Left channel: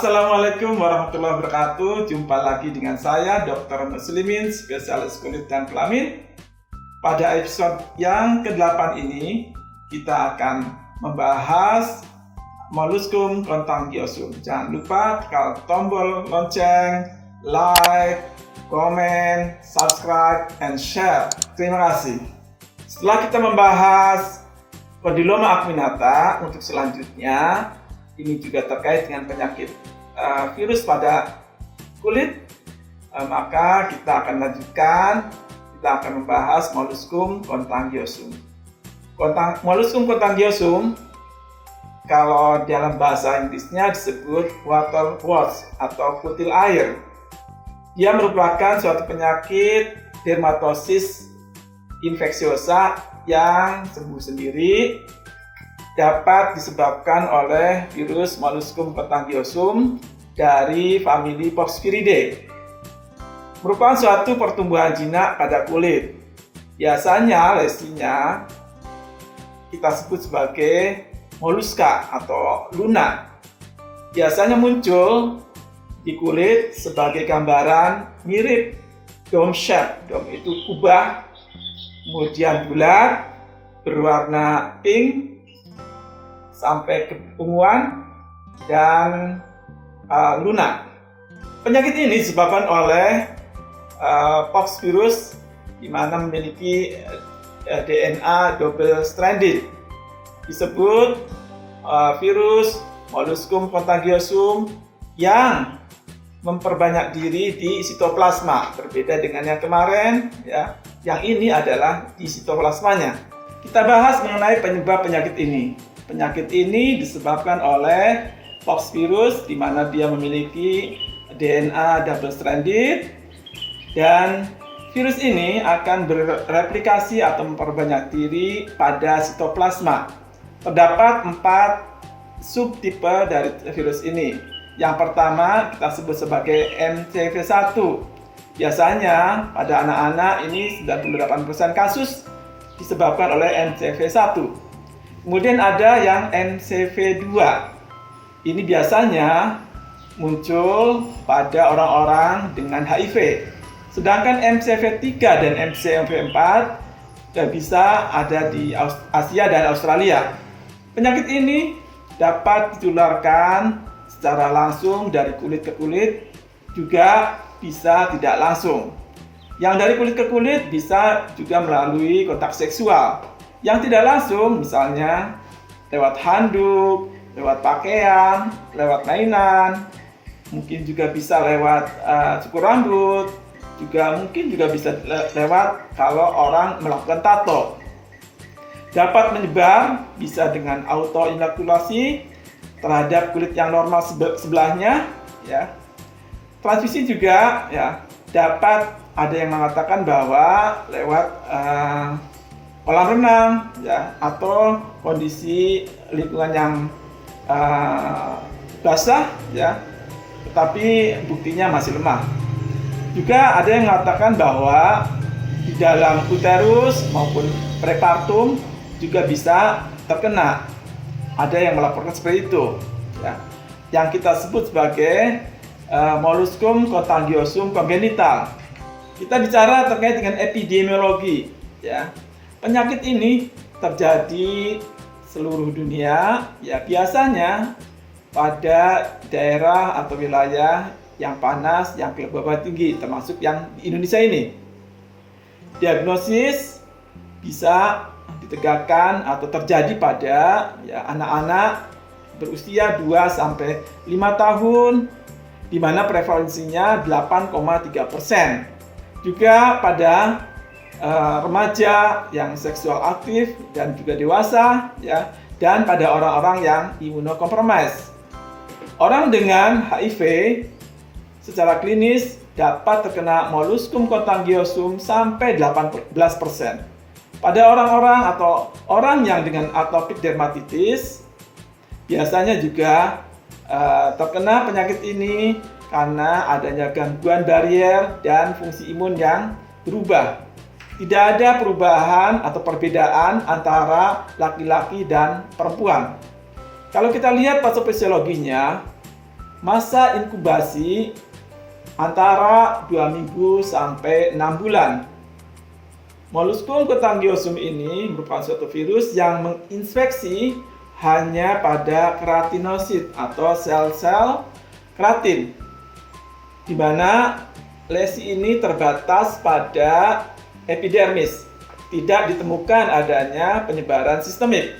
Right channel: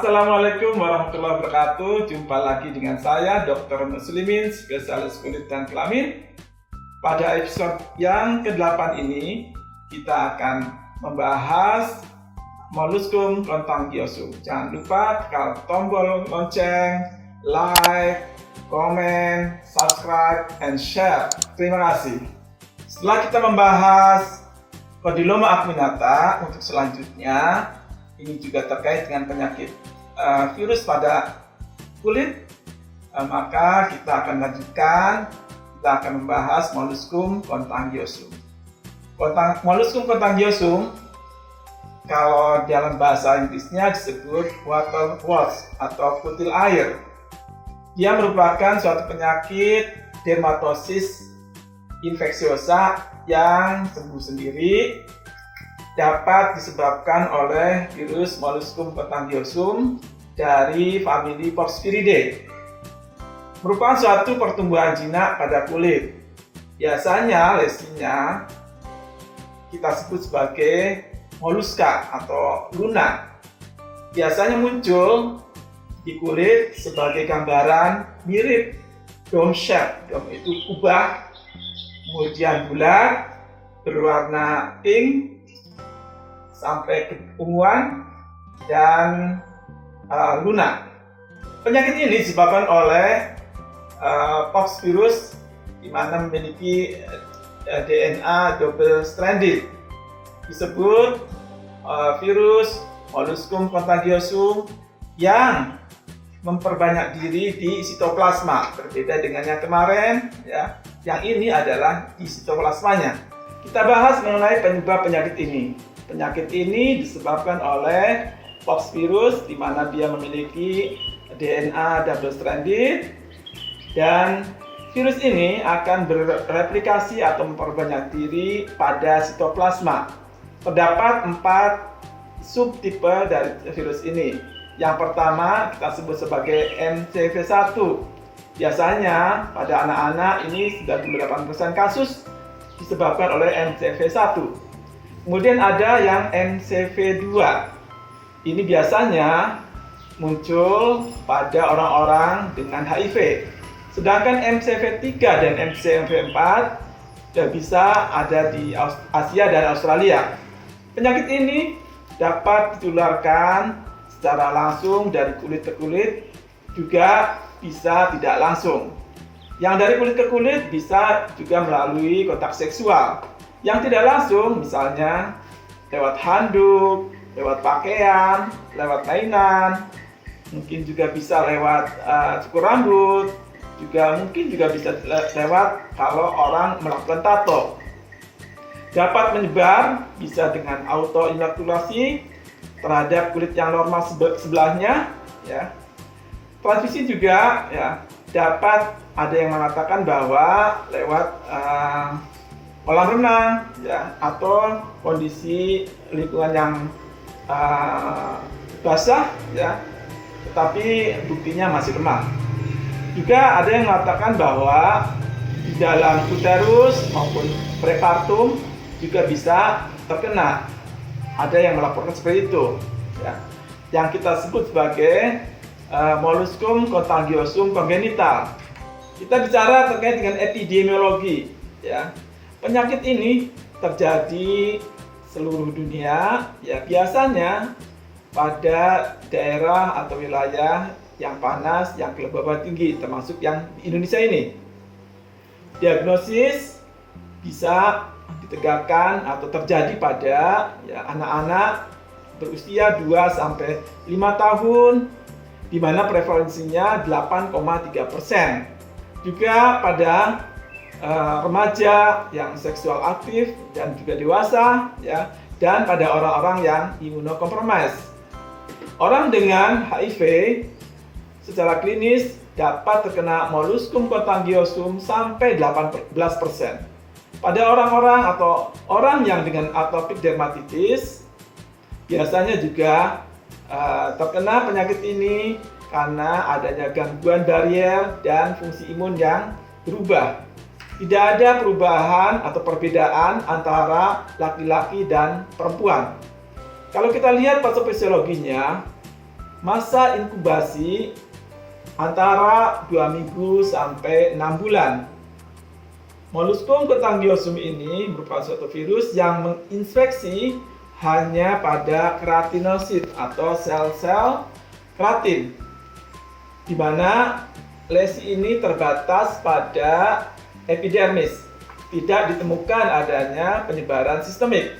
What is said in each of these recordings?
Assalamualaikum warahmatullahi wabarakatuh. Jumpa lagi dengan saya Dr. Muslimin, spesialis kulit dan kelamin. Pada episode yang ke-8 ini kita akan membahas Molluscum contagiosum. Jangan lupa tekan tombol lonceng, like, comment, subscribe, and share. Terima kasih. Setelah kita membahas Condyloma acuminata, untuk selanjutnya ini juga terkait dengan penyakit virus pada kulit, maka kita akan lanjutkan. Kita akan membahas Molluscum contagiosum. Molluscum contagiosum, kalau dalam bahasa Inggrisnya disebut water wart atau kutil air. Dia merupakan suatu penyakit dermatosis infeksiosa yang sembuh sendiri, dapat disebabkan oleh virus Molluscum contagiosum dari famili Poxviridae. Merupakan suatu pertumbuhan jinak pada kulit. Biasanya lesinya kita sebut sebagai molluska atau luna. Biasanya muncul di kulit sebagai gambaran mirip dome shape. Dome itu kubah, kemudian bulat, berwarna pink sampai keunguan dan lunak. Penyakit ini disebabkan oleh pox virus di mana memiliki DNA double stranded. Disebut virus Molluscum contagiosum yang memperbanyak diri di sitoplasma. Berbeda dengan yang kemarin, ya. Yang ini adalah di sitoplasmanya. Kita bahas mengenai penyebab penyakit ini. Penyakit ini disebabkan oleh pox virus di mana dia memiliki DNA double stranded, dan virus ini akan bereplikasi atau memperbanyak diri pada sitoplasma. Terdapat 4 subtipe dari virus ini. Yang pertama kita sebut sebagai MCV1. Biasanya pada anak-anak ini 98% kasus disebabkan oleh MCV1. Kemudian ada yang MCV2. Ini biasanya muncul pada orang-orang dengan HIV. Sedangkan MCV3 dan MCV4 bisa ada di Asia dan Australia. Penyakit ini dapat ditularkan secara langsung dari kulit ke kulit, juga bisa tidak langsung. Yang dari kulit ke kulit bisa juga melalui kontak seksual. Yang tidak langsung misalnya lewat handuk, lewat pakaian, lewat mainan, mungkin juga bisa lewat cukur rambut, juga mungkin juga bisa lewat kalau orang melakukan tato. Dapat menyebar bisa dengan autoinokulasi terhadap kulit yang normal sebelahnya, ya. Transmisi juga, ya, dapat ada yang mengatakan bahwa lewat kolam renang, ya, atau kondisi lingkungan yang basah, ya, tetapi buktinya masih lemah. Juga ada yang mengatakan bahwa di dalam uterus maupun prepartum juga bisa terkena. Ada yang melaporkan seperti itu, ya. Yang kita sebut sebagai Molluscum contagiosum congenital. Kita bicara terkait dengan epidemiologi, ya. Penyakit ini terjadi seluruh dunia, ya, biasanya pada daerah atau wilayah yang panas, yang kelembaban tinggi, termasuk yang di Indonesia ini. Diagnosis bisa ditegakkan atau terjadi pada, ya, anak-anak berusia 2-5 tahun, di mana prevalensinya 8,3%. Juga pada remaja yang seksual aktif dan juga dewasa, ya, dan pada orang-orang yang imunokompromis. Orang dengan HIV secara klinis dapat terkena Molluscum contagiosum sampai 18%. Pada orang-orang atau orang yang dengan atopic dermatitis biasanya juga terkena penyakit ini karena adanya gangguan barrier dan fungsi imun yang berubah. Tidak ada perubahan atau perbedaan antara laki-laki dan perempuan. Kalau kita lihat patofisiologinya, Masa inkubasi antara 2 minggu sampai 6 bulan. Molluscum contagiosum ini merupakan suatu virus yang menginfeksi hanya pada keratinosit atau sel-sel keratin, di mana lesi ini terbatas pada epidermis. Tidak ditemukan adanya penyebaran sistemik.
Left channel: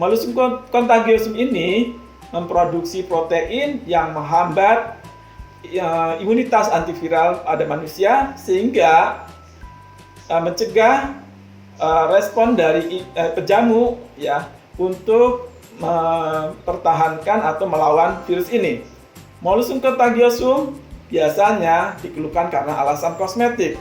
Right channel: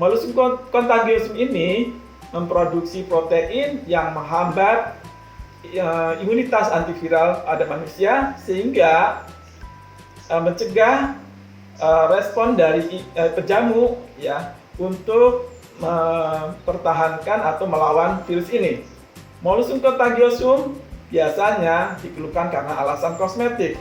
Molluscum contagiosum ini memproduksi protein yang menghambat imunitas antiviral pada manusia, sehingga mencegah respon dari pejamu ya untuk mempertahankan atau melawan virus ini. Molluscum contagiosum biasanya dikeluhkan karena alasan kosmetik.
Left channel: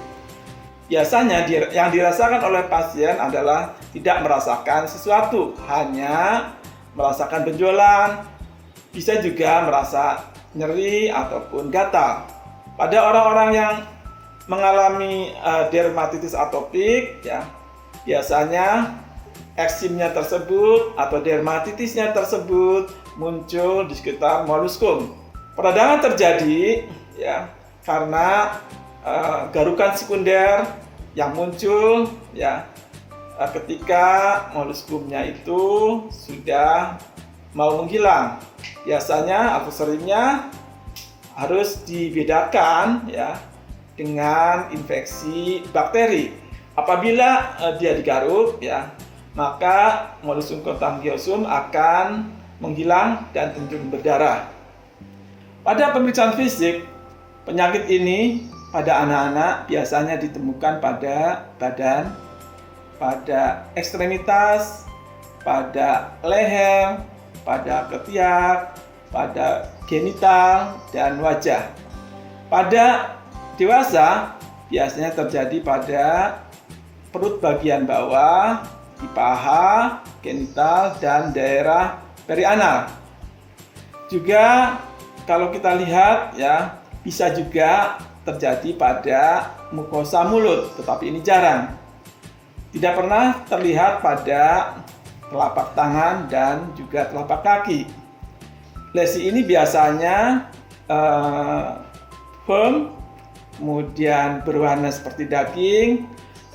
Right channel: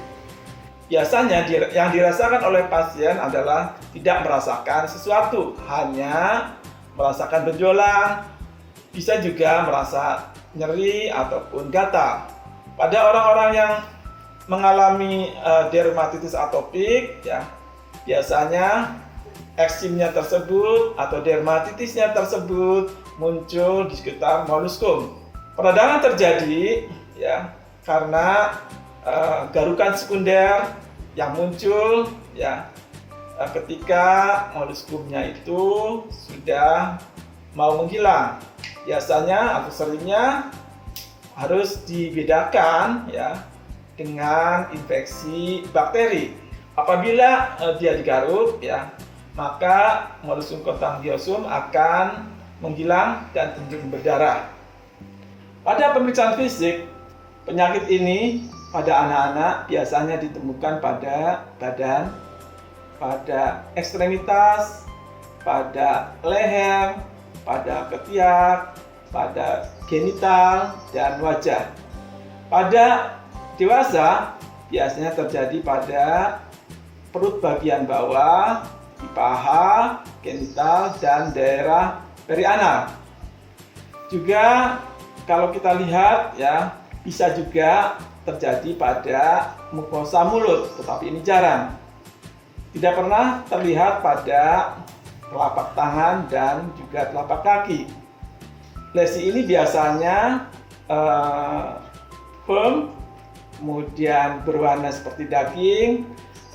Biasanya yang dirasakan oleh pasien adalah tidak merasakan sesuatu, hanya merasakan benjolan, bisa juga merasa nyeri ataupun gatal. Pada orang-orang yang mengalami dermatitis atopik, ya, biasanya eksimnya tersebut atau dermatitisnya tersebut muncul di sekitar molluscum. Peradangan terjadi ya karena garukan sekunder yang muncul ya ketika molluscumnya itu sudah mau menghilang. Biasanya atau seringnya harus dibedakan ya dengan infeksi bakteri. Apabila dia digaruk ya, maka Molluscum contagiosum akan menghilang dan cenderung berdarah. Pada pemeriksaan fisik, penyakit ini pada anak-anak biasanya ditemukan pada badan, pada ekstremitas, pada leher, pada ketiak, pada genital, dan wajah. Pada dewasa biasanya terjadi pada perut bagian bawah, di paha, genital, dan daerah perianal. Juga kalau kita lihat ya, bisa juga terjadi pada mukosa mulut, tetapi ini jarang. Tidak pernah terlihat pada telapak tangan dan juga telapak kaki. Lesi ini biasanya firm, kemudian berwarna seperti daging,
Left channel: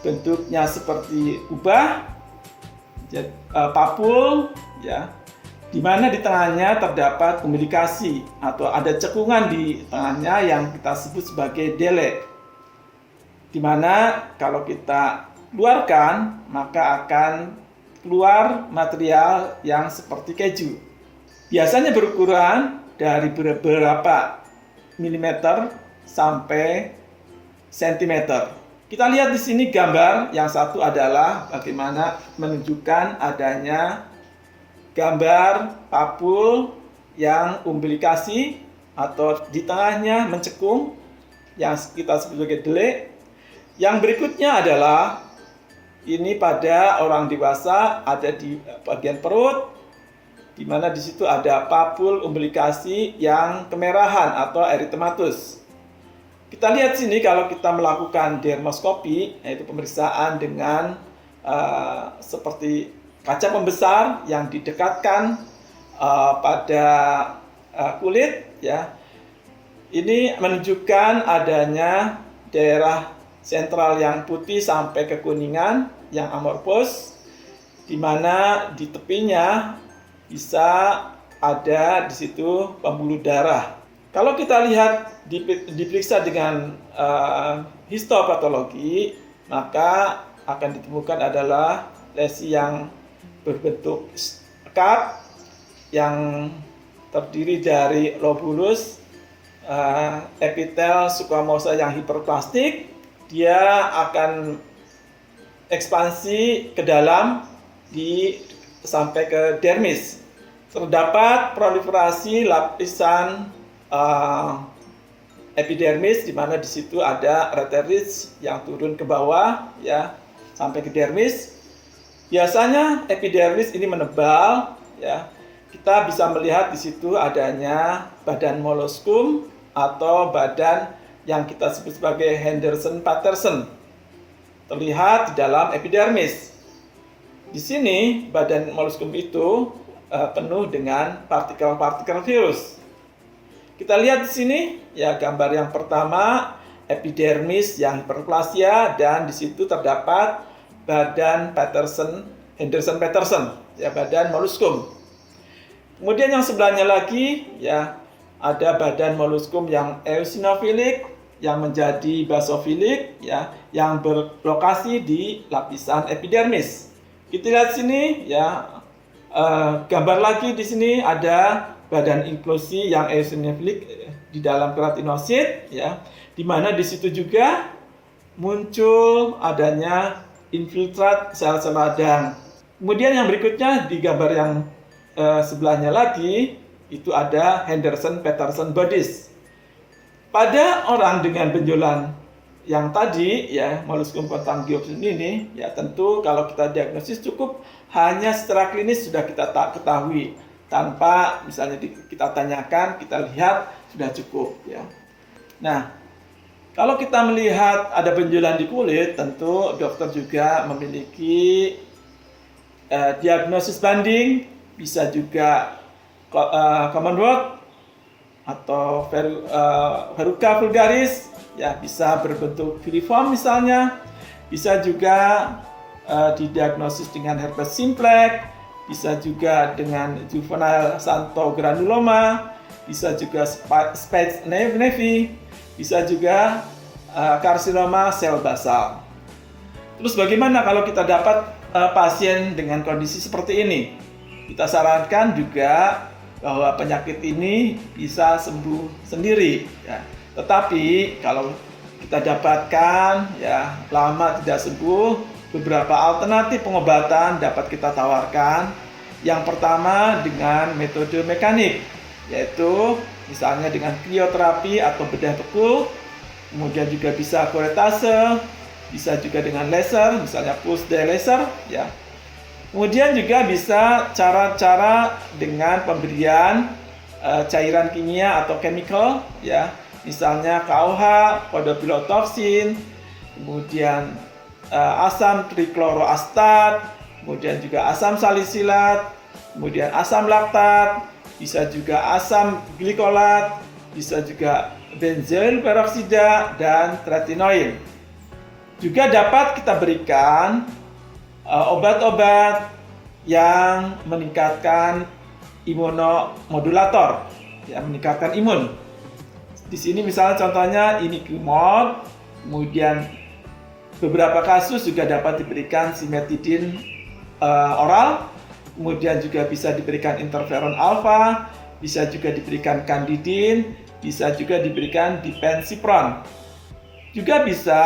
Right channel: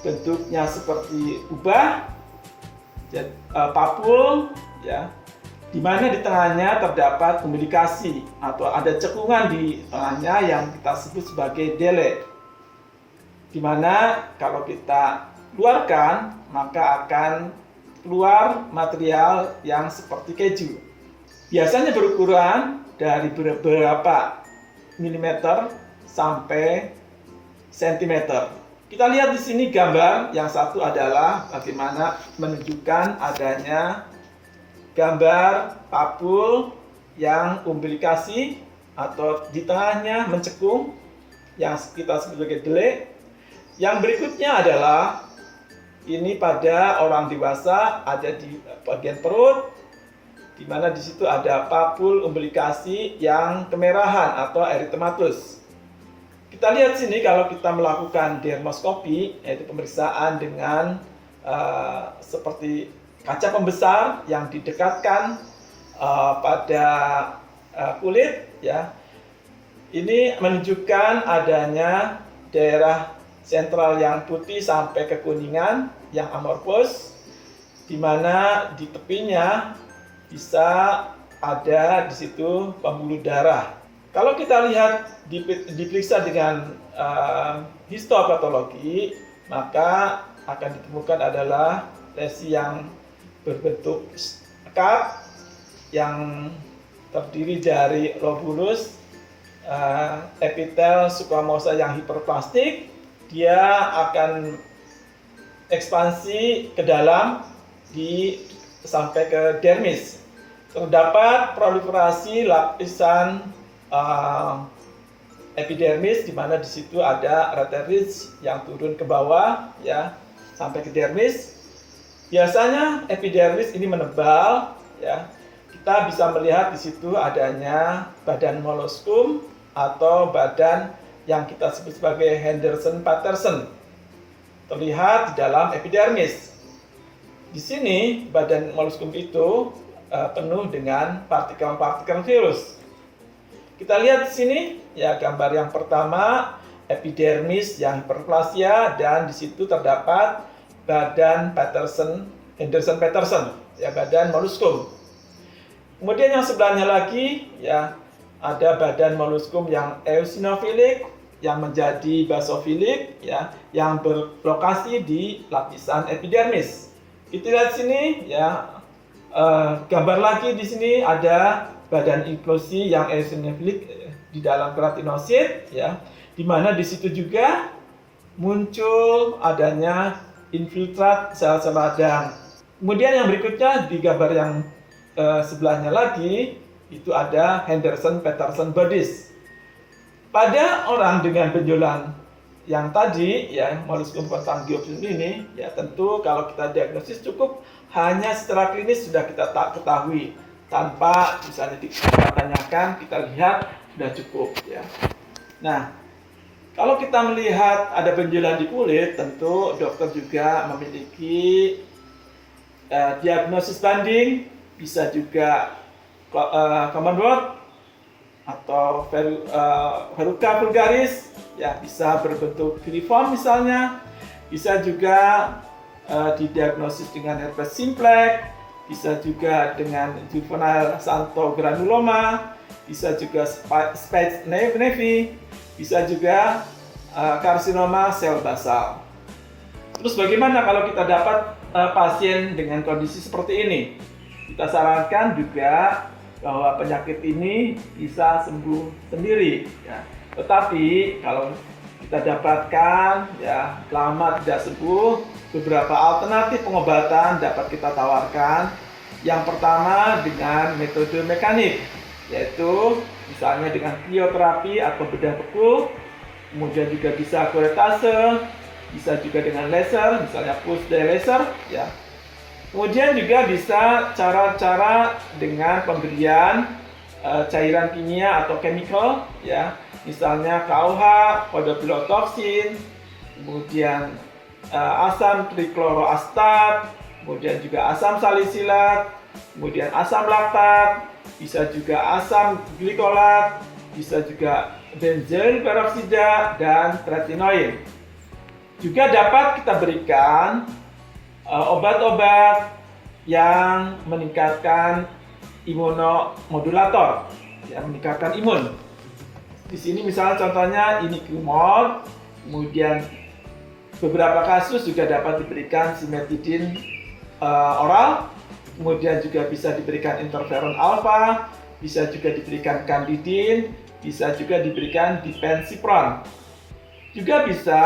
bentuknya seperti ubah, papul, ya, di mana di tengahnya terdapat umbilikasi atau ada cekungan di tengahnya yang kita sebut sebagai dele, di mana kalau kita keluarkan maka akan keluar material yang seperti keju. Biasanya berukuran dari beberapa milimeter sampai sentimeter. Kita lihat di sini gambar yang satu adalah bagaimana menunjukkan adanya gambar papul yang umbilikasi atau di tengahnya mencekung yang kita sebut sebagai dele. Yang berikutnya adalah ini pada orang dewasa ada di bagian perut, di mana di situ ada papul umbilikasi yang kemerahan atau erythematus. Kita lihat sini kalau kita melakukan dermoskopi, yaitu pemeriksaan dengan seperti kaca pembesar yang didekatkan pada kulit, ya. Ini menunjukkan adanya daerah sentral yang putih sampai ke kuningan yang amorfos, di mana di tepinya bisa ada di situ pembuluh darah. Kalau kita lihat diperiksa dengan histopatologi, maka akan ditemukan adalah lesi yang berbentuk cup yang terdiri dari lobulus, epitel squamosa yang hiperplastik. Dia akan ekspansi ke dalam sampai ke dermis. Terdapat proliferasi lapisan epidermis, di mana di situ ada reteris yang turun ke bawah ya sampai ke dermis. Biasanya epidermis ini menebal ya. Kita bisa melihat di situ adanya badan molluscum atau badan yang kita sebut sebagai Henderson-Patterson terlihat di dalam epidermis. Di sini badan molluscum itu penuh dengan partikel-partikel virus. Kita lihat di sini ya, gambar yang pertama epidermis yang hiperplasia, dan di situ terdapat badan Henderson-Petersen ya, badan moluskum. Kemudian yang sebelahnya lagi ya, ada badan moluskum yang eosinofilik yang menjadi basofilik ya, yang berlokasi di lapisan epidermis. Kita lihat sini ya, gambar lagi di sini ada badan inklusi yang eosinofilik di dalam keratinosit ya, di mana di situ juga muncul adanya infiltrat sel-sel radang. Kemudian yang berikutnya di gambar yang sebelahnya lagi itu ada Henderson-Petersen bodies. Pada orang dengan benjolan yang tadi ya, molluscum contagiosum ini ya, tentu kalau kita diagnosis cukup hanya secara klinis sudah kita ketahui, tanpa misalnya kita tanyakan, kita lihat sudah cukup ya. Nah, kalau kita melihat ada benjolan di kulit, tentu dokter juga memiliki diagnosis banding, bisa juga common word atau verruca vulgaris ya, bisa berbentuk filiform misalnya, bisa juga didiagnosis dengan herpes simplex, bisa juga dengan juvenile xanthogranuloma, bisa juga spades nevi, bisa juga karsinoma sel basal. Terus bagaimana kalau kita dapat pasien dengan kondisi seperti ini? Kita sarankan juga bahwa penyakit ini bisa sembuh sendiri ya. Tetapi kalau kita dapatkan ya lama tidak sembuh, beberapa alternatif pengobatan dapat kita tawarkan. Yang pertama dengan metode mekanik, yaitu misalnya dengan krioterapi atau bedah beku, kemudian juga bisa kuretase, bisa juga dengan laser, misalnya pulse dye laser ya. Kemudian juga bisa cara-cara dengan pemberian cairan kimia atau chemical ya, misalnya KOH, podopilotoksin, kemudian asam trikloroastat, kemudian juga asam salisilat, kemudian asam laktat, bisa juga asam glikolat, bisa juga benzoil peroksida dan tretinoin. Juga dapat kita berikan obat-obat yang meningkatkan imunomodulator, yang meningkatkan imun. Di sini misalnya contohnya imiquimod, kemudian beberapa kasus juga dapat diberikan simetidin oral, kemudian juga bisa diberikan interferon alfa, bisa juga diberikan candidin, bisa juga diberikan dipensipron. Juga bisa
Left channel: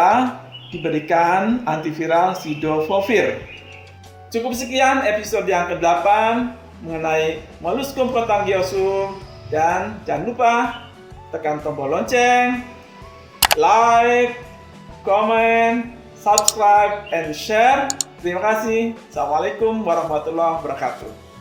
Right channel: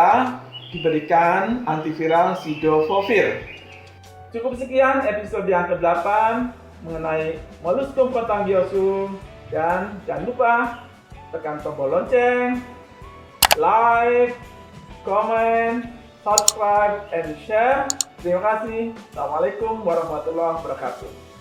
diberikan antiviral sidofovir. Cukup sekian episode yang ke-8 mengenai molluscum contagiosum, dan jangan lupa tekan tombol lonceng, like, comment, subscribe, and share. Terima kasih. Assalamualaikum warahmatullahi wabarakatuh.